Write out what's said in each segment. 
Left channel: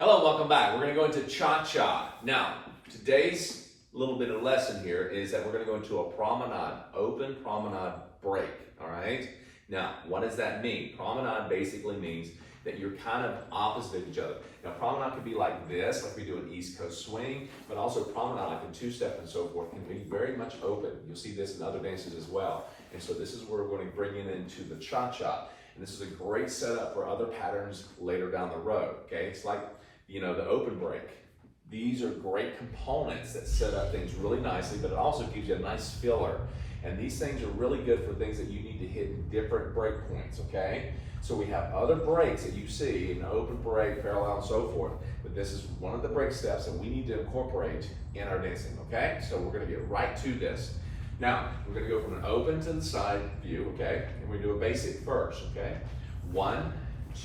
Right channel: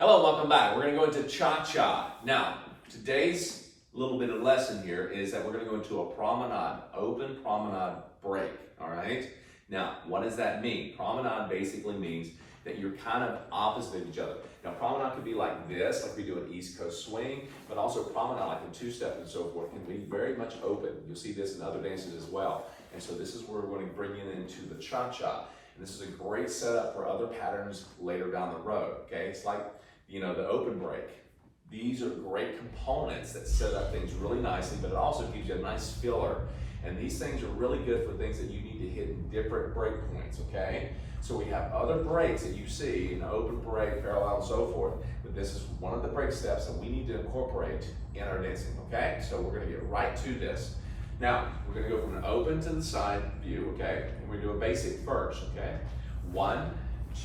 Hello, welcome back. We're going to go into cha-cha. Now, today's little bit of lesson here is that we're going to go into a promenade, open promenade break, all right? Now, what does that mean? Promenade basically means that you're kind of opposite of each other. Now, promenade could be like this, like we do an East Coast swing, but also promenade like a two-step and so forth can be very much open. You'll see this in other dances as well. And so this is where we're going to bring it into the cha-cha. And this is a great setup for other patterns later down the road, okay? It's like, you know, the open break. These are great components that set up things really nicely, but it also gives you a nice filler. And these things are really good for things that you need to hit in different break points, okay? So we have other breaks that you see in open break, parallel, and so forth, but this is one of the break steps that we need to incorporate in our dancing, okay? So we're gonna get right to this. Now, we're gonna go from an open to the side view, okay? And we do a basic first, okay? 1,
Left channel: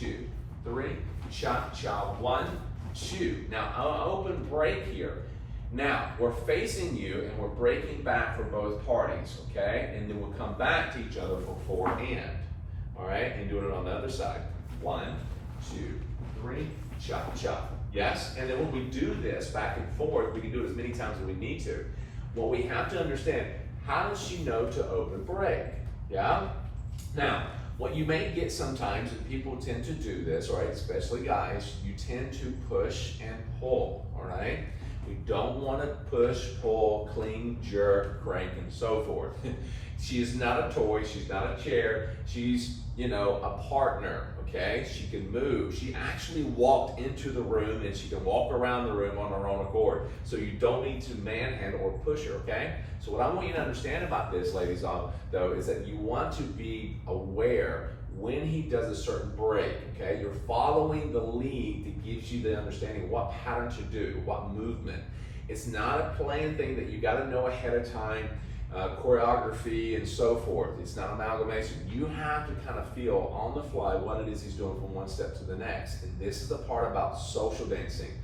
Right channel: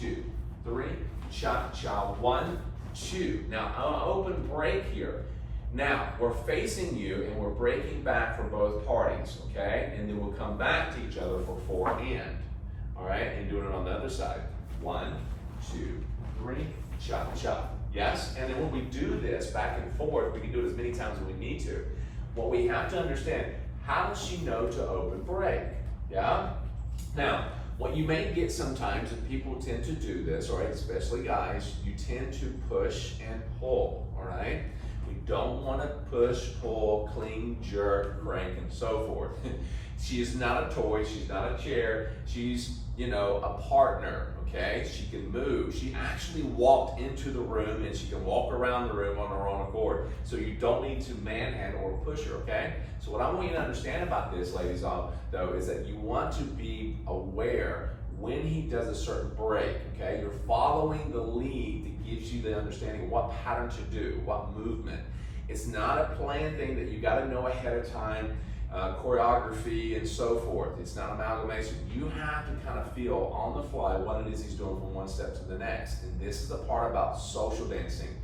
2, 3, cha-cha, 1, 2. Now, open break here. Now, we're facing you and we're breaking back for both parties, okay? And then we'll come back to each other for 4 and, all right? And doing it on the other side. 1, 2, 3, cha-cha. Yes? And then when we do this back and forth, we can do it as many times as we need to. What we have to understand, how does she know to open break? Yeah? Now, what you may get sometimes, and people tend to do this, all right, especially guys, you tend to push and pull, all right? We don't want to push, pull, cling, jerk, crank, and so forth. She is not a toy, she's not a chair, she's, you know, a partner, okay? She can move. She actually walked into the room and she can walk around the room on her own accord. So you don't need to manhandle or push her, okay? So what I want you to understand about this, ladies, though, is that you want to be aware when he does a certain break, okay? You're following the lead that gives you the understanding of what pattern to do, what movement. It's not a planned thing that you gotta know ahead of time, choreography and so forth. It's not amalgamation. You have to kind of feel on the fly what it is he's doing from one step to the next. And this is the part about social dancing,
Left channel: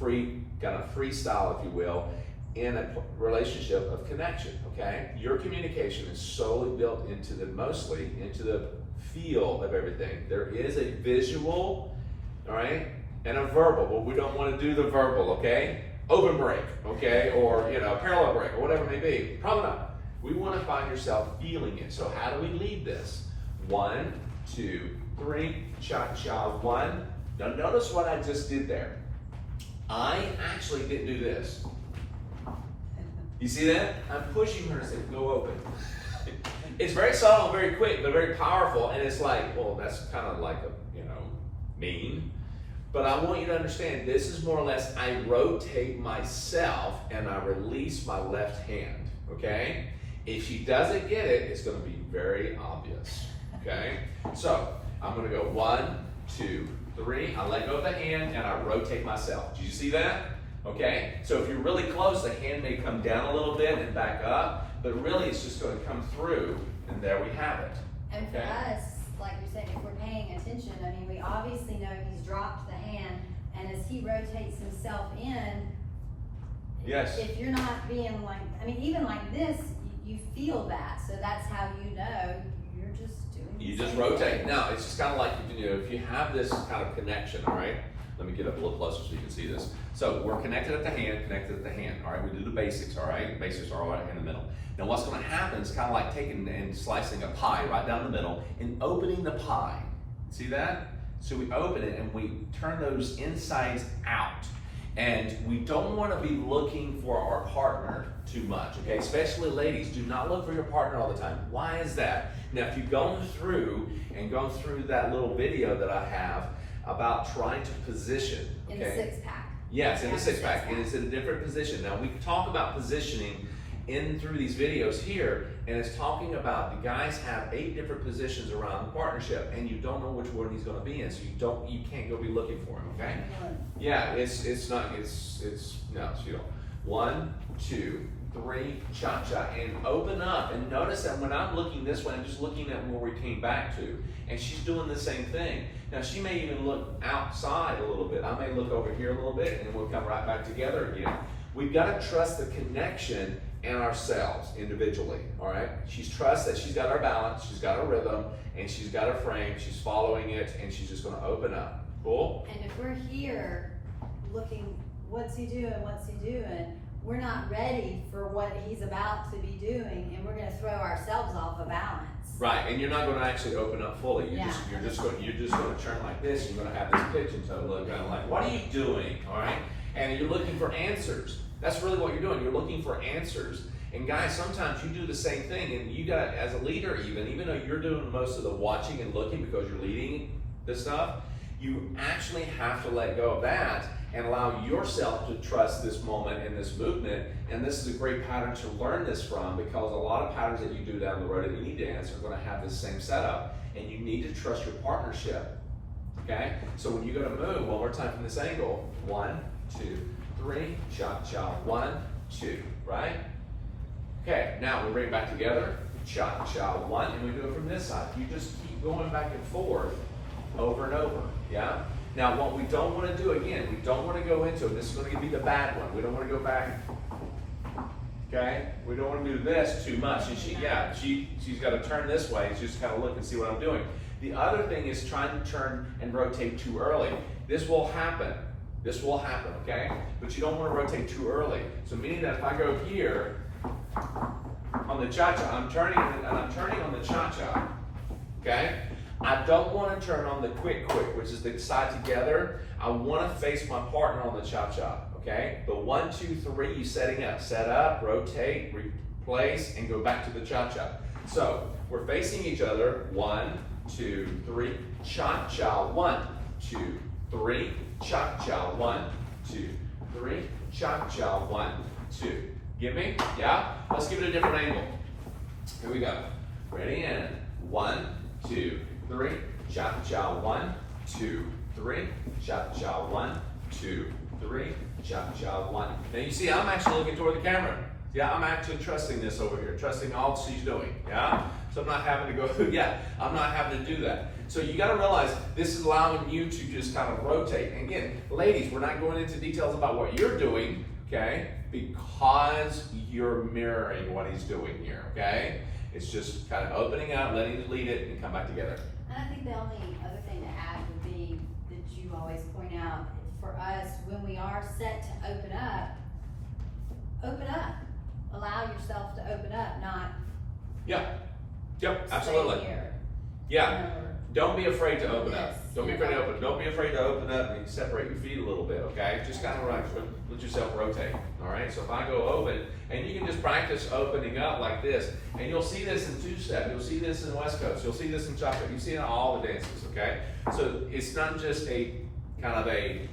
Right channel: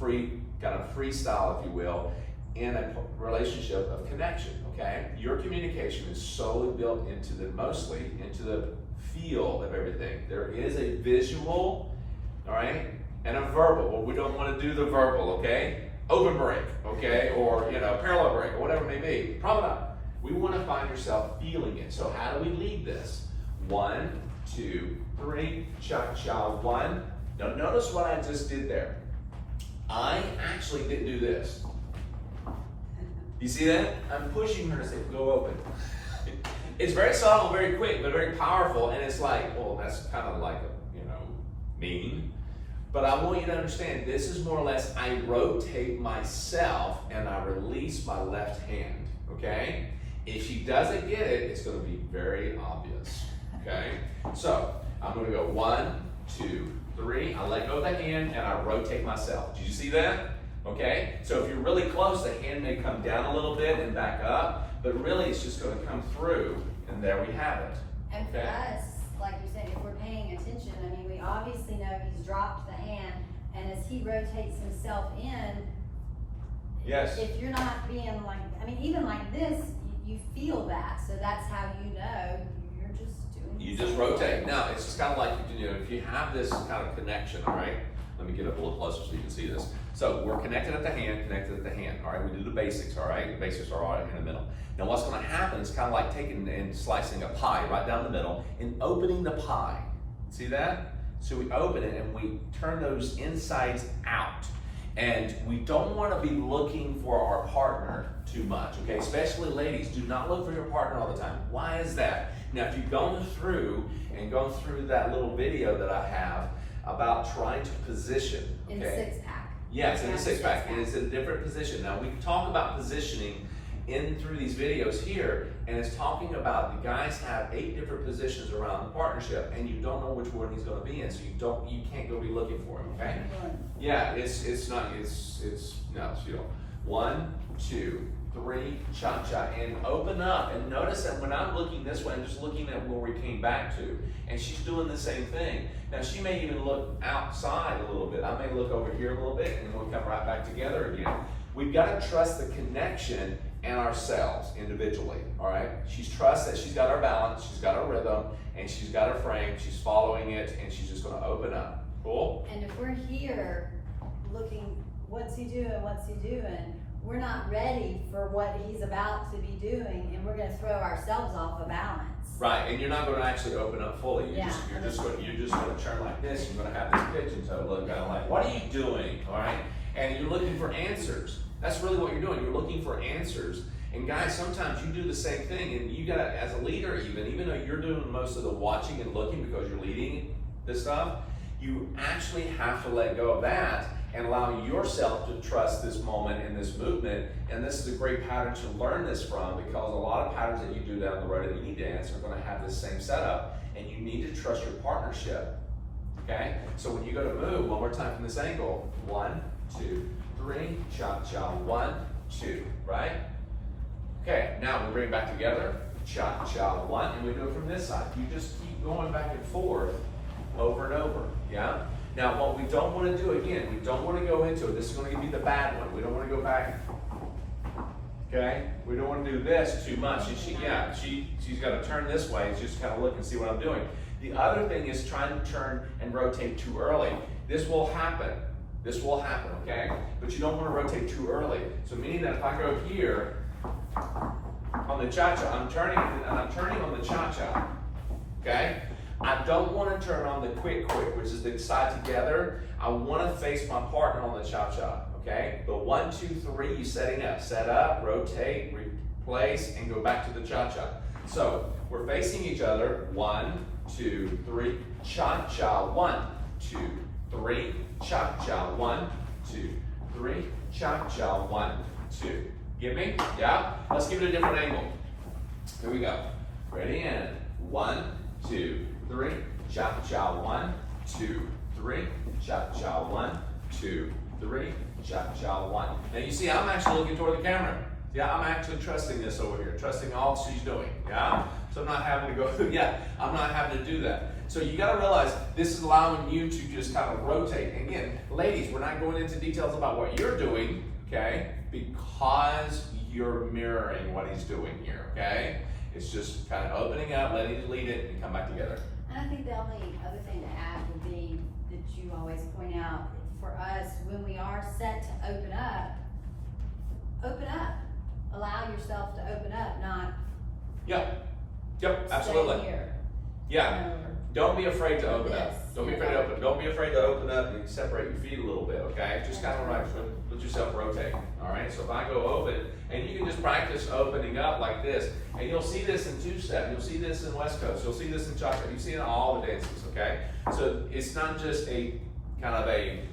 kind of freestyle, if you will, in a relationship of connection, okay? Your communication is solely built mostly into the feel of everything. There is a visual, all right, and a verbal. Well, we don't want to do the verbal, okay? Open break, okay, or, you know, parallel break, or whatever it may be. Promenade. We want to find yourself feeling it. So how do we lead this? 1, 2, 3, cha-cha, 1. Now notice what I just did there. I actually didn't do this. You see that? I'm pushing her to say, go open. It's very subtle, very quick, but very powerful, and it's like, well, that's kind of like a, you know, mean. But I want you to understand, this is more or less, I rotate myself and I release my left hand, okay? If she doesn't get it, it's gonna be very obvious, okay? So, I'm gonna go 1, 2, 3, I let go of the hand and I rotate myself. Did you see that? Okay, so if you're really close, the hand may come down a little bit and back up, but really it's just gonna come through, and there we have it. And for us, like you're saying, if we're paying attention, I mean, we obviously know he's dropped the hand, and as he rotates himself in, yes. If you're not being like, I mean, even like this, you feel that, so that's how you know you're just doing You just rotate. Now, it's just kind of like you can do, if you have this kind of connection, all right? Let me get up a little closer so you can see this. So we're connected at the hand, all right? We do the basics, all right? The basics are all right in the middle. Now what's gonna happen is kind of like taking and slicing a pie right down the middle and opening the pie. See that? So we open it and we turn those insides out. And we don't wanna be looking for our partner too much, okay? Especially ladies, do not look for your partner all the time. Why is that? Now, if you've gone through that little video that I have about trying to position, okay? in the 6-pack. Yeah, it's in the 6-pack, and it's in a different position. Now, we talk about positioning through these videos here, and it's talking about the guys have 8 different positions around the partnership, and you don't know which one he's going to be in, so you can't go be looking for him, okay? Yeah, no, you don't. 1, 2, 3, cha-cha, and open up, and notice that when I'm looking this way, I'm just looking at where we came back to, and she's doing the same thing. Now, she may even look outside a little bit. I may look over here a little bit, and we'll come right back together again. We've got to trust the connection and ourselves individually, all right? She's trust that she's got our balance, she's got her rhythm, and she's got her frame, she's following it, and she's just gonna open up. Cool? And if we're here looking, what's he doing, we're not ready for what he's about to be doing, and we're gonna throw ourselves off of balance. Right, and you're not going to actually open up fully. Yeah. You're just going to turn like this. You're going to have this pitch and toe look kind of like, what are you doing? All right, and you're looking for answers. That's really what you're doing. You're looking for answers. And guys, sometimes you do the same thing, and you got as a leader, even though you're doing most of the watching and looking because you're leading this stuff, you actually have to let go of that and allow yourself to trust this moment and this movement. And this is a great pattern to learn this from, because a lot of patterns that you do down the road that you need to answer are going to have the same setup, and you need to trust your partnership. Okay? So when you go to move, one more time from this angle, 1, 2, 3, cha-cha, 1, 2, right? Okay, now we bring it back together, cha-cha, 1, and we do it from this side. You just keep going back and forth over and over, yeah? Now, what we don't want to do, again, we don't want to go into it. This is going to be the bad one. We don't want to go back, okay? We don't want to do this too much. And she's got to turn this way. It's just kind of look and see what I'm doing. The other thing is trying to turn and rotate too early. This will happen. This will happen, okay? But you don't want to rotate too early. So meaning that if I go here on the cha-cha, I'm turning on the cha-cha, okay? I don't want to turn on the quick, which is the side together. I want to face my partner on the cha-cha, okay? The 1, 2, 3, you setting up. Set up, rotate, replace, and go back to the cha-cha. So we're facing each other. 1, 2, 3, cha-cha. 1, 2, 3, cha-cha. 1, 2, 3, cha-cha. 1, 2. Get me? Yeah? Let's give it a different angle. Here we go. Ready, and 1, 2, 3, cha-cha, 1, 2, 3, cha-cha, 1, 2, 3, cha-cha, 1. Now you see, I'm actually looking toward the camera. Yeah, I'm actually trusting this over here, trusting all she's doing, yeah? So I'm not having to go, I'm not having to do that. So you gotta realize this is allowing you to just kind of rotate. And again, ladies, we're not going into details about what you're doing, okay? Because you're mirroring what he's doing here, okay? It's just kind of opening up, letting you lead it, and come back together. And I think the only other thing to add would be that you always point out, for us, when we are set to open up. Allow yourself to open up, not Yep, absolutely. stay here. Yeah. You know, or Don't be afraid to open up. Yes, Don't be yeah. afraid to open. Don't be afraid to open up and separate your feet a little bit, okay? Just kind of let yourself rotate, all right? So if I go open, and you can just practice opening up like this, and you'll see this in two-step, you'll see this in West Coast, you'll see this in cha-cha, you see it in all the dances, okay? So it's not just a kind of a,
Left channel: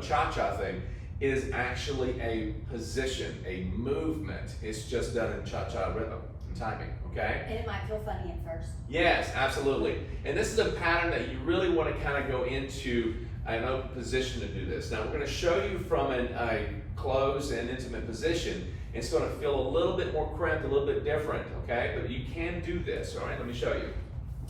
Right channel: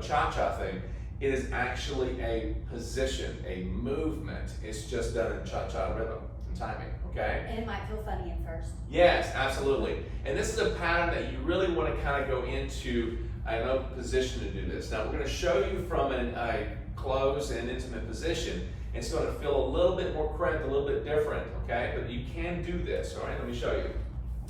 cha-cha thing. It is actually a position, a movement. It's just done in cha-cha rhythm and timing, okay? And it might feel funny at first. Yes, absolutely. And this is a pattern that you really want to kind of go into an open position to do this. Now we're going to show you from a closed and intimate position. It's going to feel a little bit more cramped, a little bit different, okay? But you can do this, all right? Let me show you.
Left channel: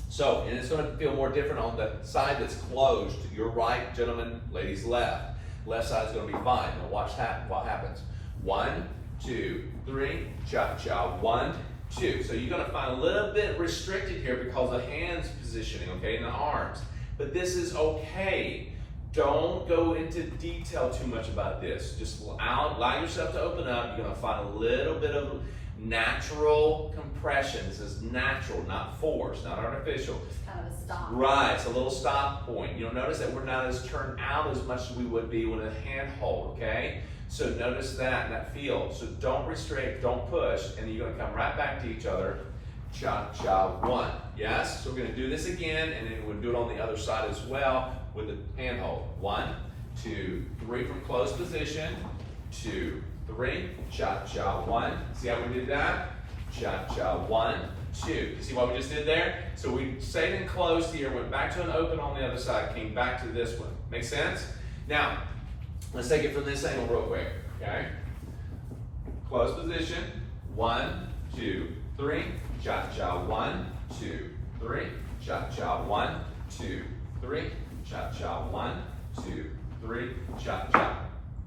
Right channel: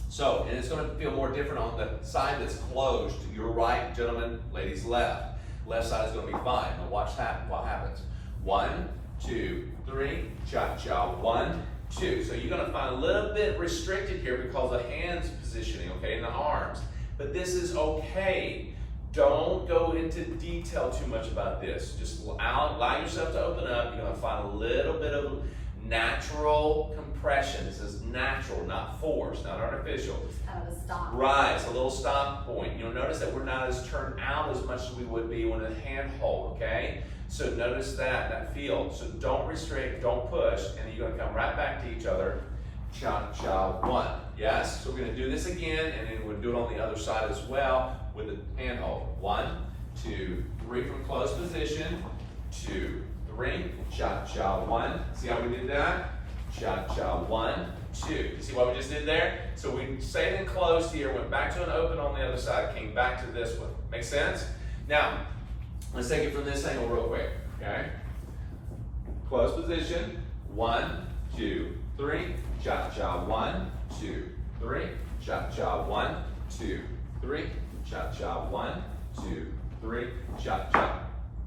So, and it's going to feel more different on the side that's closed. Your right, gentlemen, ladies left. Left side is going to be fine. Now watch what happens. 1, 2, 3, cha-cha, 1, 2. So you're going to find a little bit restricted here because of hands positioning, okay, and the arms. But this is okay. Don't go into detail too much about this. Just allow yourself to open up. You're going to find a little bit of natural compression. This is natural, not forced, not artificial. Just kind of a stop. Right, it's a little stop point. You'll notice that we're not as turned out as much as we would be with a handhold, okay? So notice that feel. So don't restrict, don't push, and you're going to come right back to each other. Cha-cha, 1. Yes? So we're going to do this again, and then we'll do it on the other side as well with the handhold. 1, 2, 3 from closed position. 2, 3. Cha-cha, 1. See how we did that? Cha-cha, 1, 2. You see what we just did there? So we stayed in closed here, went back to an open on the other side, came back to this one. Make sense? Now, let's take it from this angle real quick, okay? Closed position. 1, 2, 3. Cha-cha, 1, 2, 3. Cha-cha, 1, 2, 3. Cha-cha, 1, 2, 3. Cha-cha.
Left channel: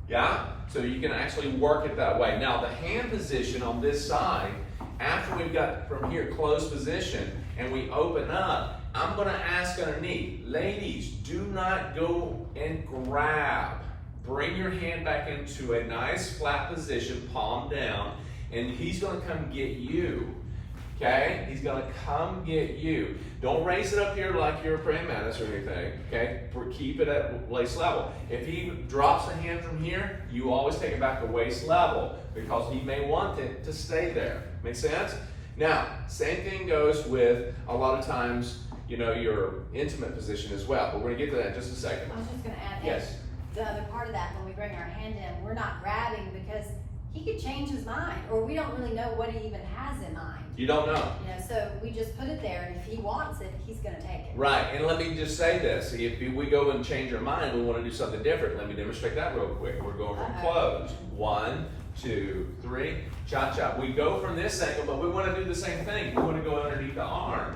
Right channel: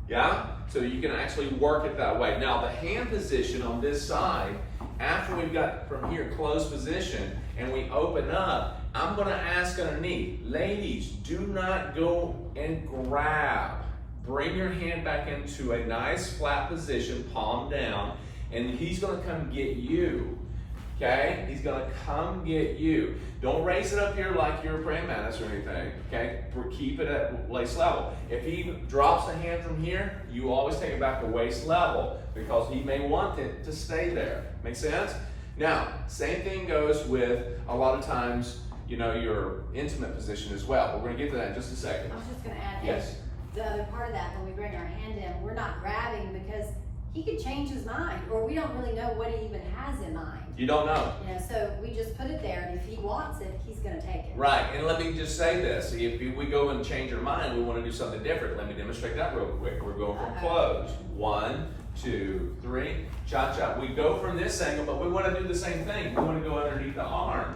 Yeah? So you can actually work it that way. Now, the hand position on this side, after we've got from here closed position and we open up, I'm going to ask underneath, ladies, do not go and grab. bring your hand back into a nice flat position, palm down, and he's gonna come get you. Okay? He's gonna come get you. Don't raise it up here like you're a praying mantis or anything. Okay? Keep it at waist level. If he drops the hand from here, you always take it back to waist level because he may want it to stay there. Make sense? Now, same thing goes with a lot of times, you know, your intimate position as well. We're gonna get to that in just a second. I was just gonna add, Yes. the other part of that, when we bring our hand in, we're not grabbing because he could change his mind, or we don't really know what he even has in mind. You don't know. You know, so we just put it there, and if he wants it, he's gonna take it. Right, and let me just say this. If we go and change our mind, we wanna do something different. Let me demonstrate that real quick. We're going from closed. 1, 2, 3, cha-cha. We go from this angle, but we wanna do the same thing. We wanna go underneath the arm.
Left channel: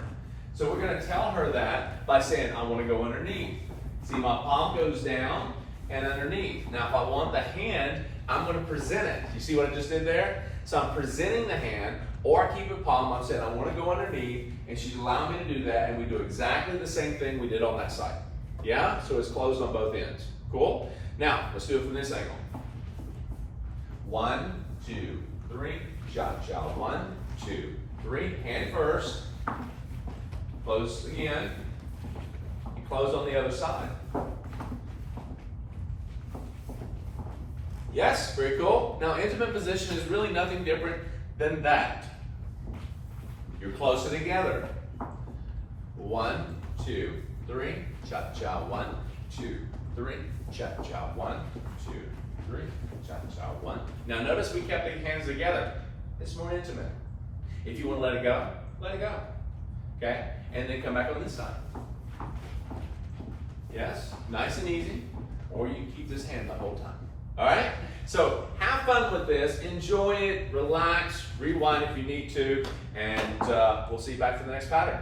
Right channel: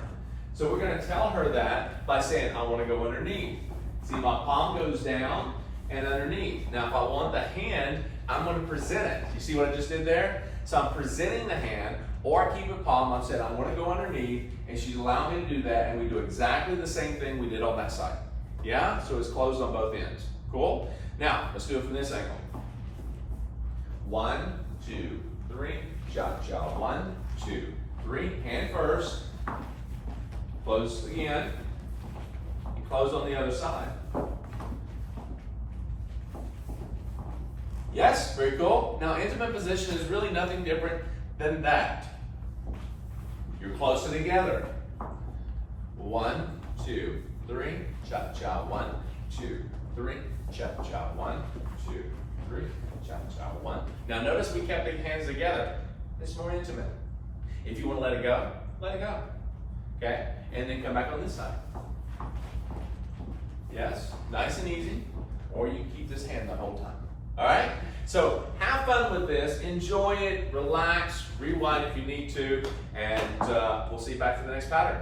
So we're gonna tell her that by saying, I wanna go underneath. See, my palm goes down and underneath. Now, if I want the hand, I'm gonna present it. You see what I just did there? So I'm presenting the hand, or I keep it palm. I'm saying I wanna go underneath, and she's allowing me to do that, and we do exactly the same thing we did on that side. Yeah? So it's closed on both ends. Cool? Now, let's do it from this angle. 1, 2, 3, cha-cha. 1, 2, 3. Hand first. Close again. Close on the other side. Yes, very cool. Now, intimate position is really nothing different than that. You're closer together. 1, 2, 3, cha-cha. 1, 2, 3, cha-cha. 1, 2, 3, cha-cha. 1. Now, notice we kept the hands together. It's more intimate. If you want to let it go, let it go. Okay? And then come back on this side. Yes? Nice and easy. Or you can keep this hand the whole time. All right? So have fun with this. Enjoy it. Relax. Rewind if you need to. And we'll see you back for the next pattern.